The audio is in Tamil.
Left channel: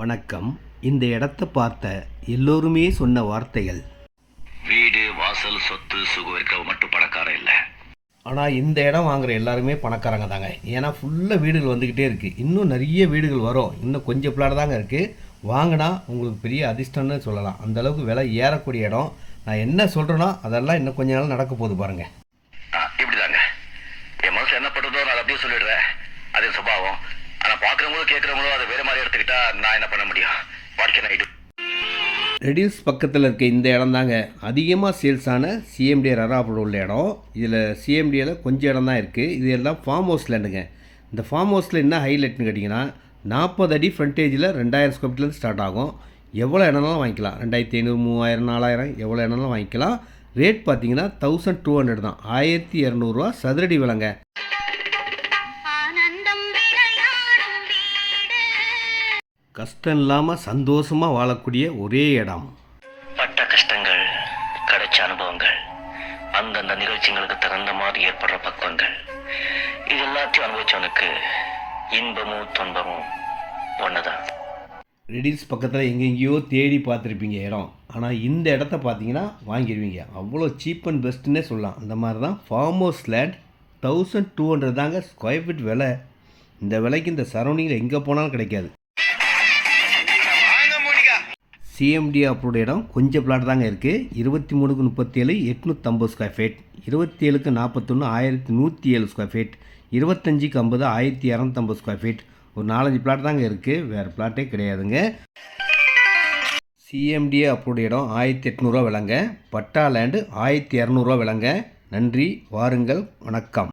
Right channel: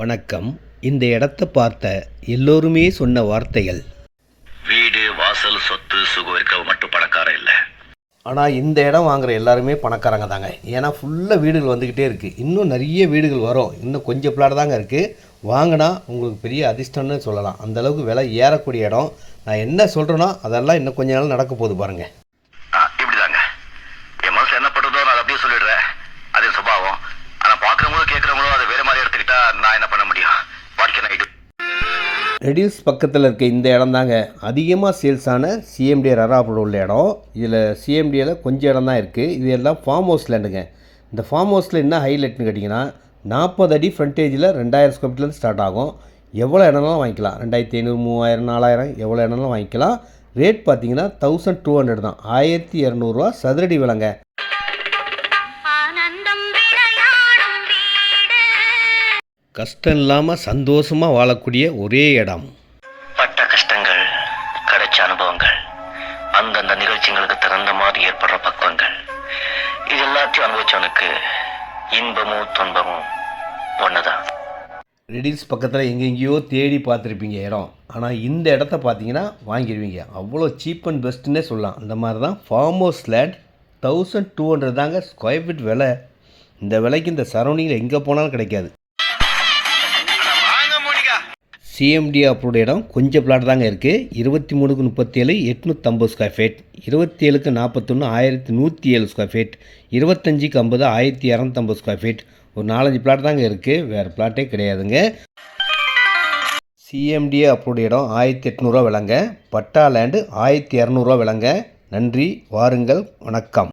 வணக்கம். இந்த இடத்த பார்த்த எல்லோருமே சொன்ன வார்த்தைகள், வீடு வாசல் சொத்து சுகம் இருக்க மட்டும் பணக்காரன் இல்லை. ஆனால் இந்த இடம் வாங்குற எல்லாருமே பணக்காரங்க தாங்க. ஏன்னா ஃபுல்லாக வீடுகள் வந்துக்கிட்டே இருக்குது. இன்னும் நிறைய வீடுகள் வரும். இன்னும் கொஞ்சம் பிளாட் தாங்க இருக்குது. வாங்கினா உங்களுக்கு பெரிய அதிர்ஷ்டம்னு சொல்லலாம். அந்தளவுக்கு விலை ஏறக்கூடிய இடம். நான் என்ன சொல்கிறேனோ அதெல்லாம் இன்னும் கொஞ்ச நாள் நடக்க போகுது பாருங்கள். இப்படிதாங்க என் மனசு என்ன படுறதோ நான் அப்படியே சொல்லிடுறேன். அது சுபாவம். ஆனால் பார்க்குறவங்களும் கேட்குறவங்களும் அதை வேறு மாதிரி எடுத்துக்கிட்டா நான் என்ன பண்ண முடியும்? What can I to? Reduce பக்கத்தில் இருக்க இந்த இடம் தாங்க அதிகமாக சேல்ஸ் ஆன சிஎம்டி ரராப்பூர் உள்ள இடம். இதில் சிஎம்டியில் கொஞ்சம் இடம் தான் இருக்குது. இது எல்லாம் ஃபார்ம் ஹவுஸ் லேண்டுங்க. இந்த ஃபார்ம் ஹவுஸில் என்ன ஹைலைட்னு கேட்டிங்கன்னா 40 அடி ஃப்ரண்டேஜில் 2000 ஸ்கொயர் ஃபீட்லேருந்து ஸ்டார்ட் ஆகும். எவ்வளோ இடம்னாலும் வாங்கிக்கலாம். 2500, 3000, 4000 எவ்வளோ இடம்னாலும் வாங்கிக்கலாம். ரேட் பார்த்தீங்கன்னா 1200 தான். 1200 ரூபா சதுரடி விலைங்க. கஷ்டம் இல்லாமல் சந்தோஷமாக வாழக்கூடிய ஒரே இடம். பட்ட கஷ்டங்கள், கிடைச்ச அனுபவங்கள், அந்தந்த நிகழ்ச்சிகளுக்கு தகுந்த மாதிரி ஏற்படுற பக்குவங்கள், இது எல்லாத்தையும் அனுபவிச்சவனுக்கு இன்பமும் துன்பமும் ஒன்றுதான். ரெடில்ஸ் பக்கத்தில் எங்கெங்கேயோ தேடி பார்த்துருப்பீங்க இடம். ஆனால் இந்த இடத்த பார்த்தீங்கன்னா வாங்கிடுவீங்க. அவ்வளோ சீப் அண்ட் பெஸ்ட்டுன்னே சொல்லலாம். அந்த மாதிரி தான் ஃபார்ம் ஹவுஸ் லேண்ட் 1200 தாங்க ஸ்கொயர் ஃபீட் விலை. இந்த விலைக்கு இந்த சரௌண்டிங்கில் எங்கே போனாலும் கிடைக்காது. சிஎம்டி அப்ரூவ்ட் இடம் கொஞ்சம் பிளாட் தாங்க இருக்குது. 23க்கு 37 850 ஸ்கொயர் ஃபீட், 27க்கு 41 1107 ஸ்கொயர் ஃபீட், 25க்கு 50 1250 ஸ்கொயர் ஃபீட். ஒரு 4-5 பிளாட் தாங்க இருக்குது. வேறு பிளாட்டே கிடையாதுங்க. சிஎம்டி அப்ரூவ்ட் இடம் 1800 விலைங்க. பட்டா லேண்டு 1200 விலைங்க. நன்றி, வாருங்கள், வணக்கம்.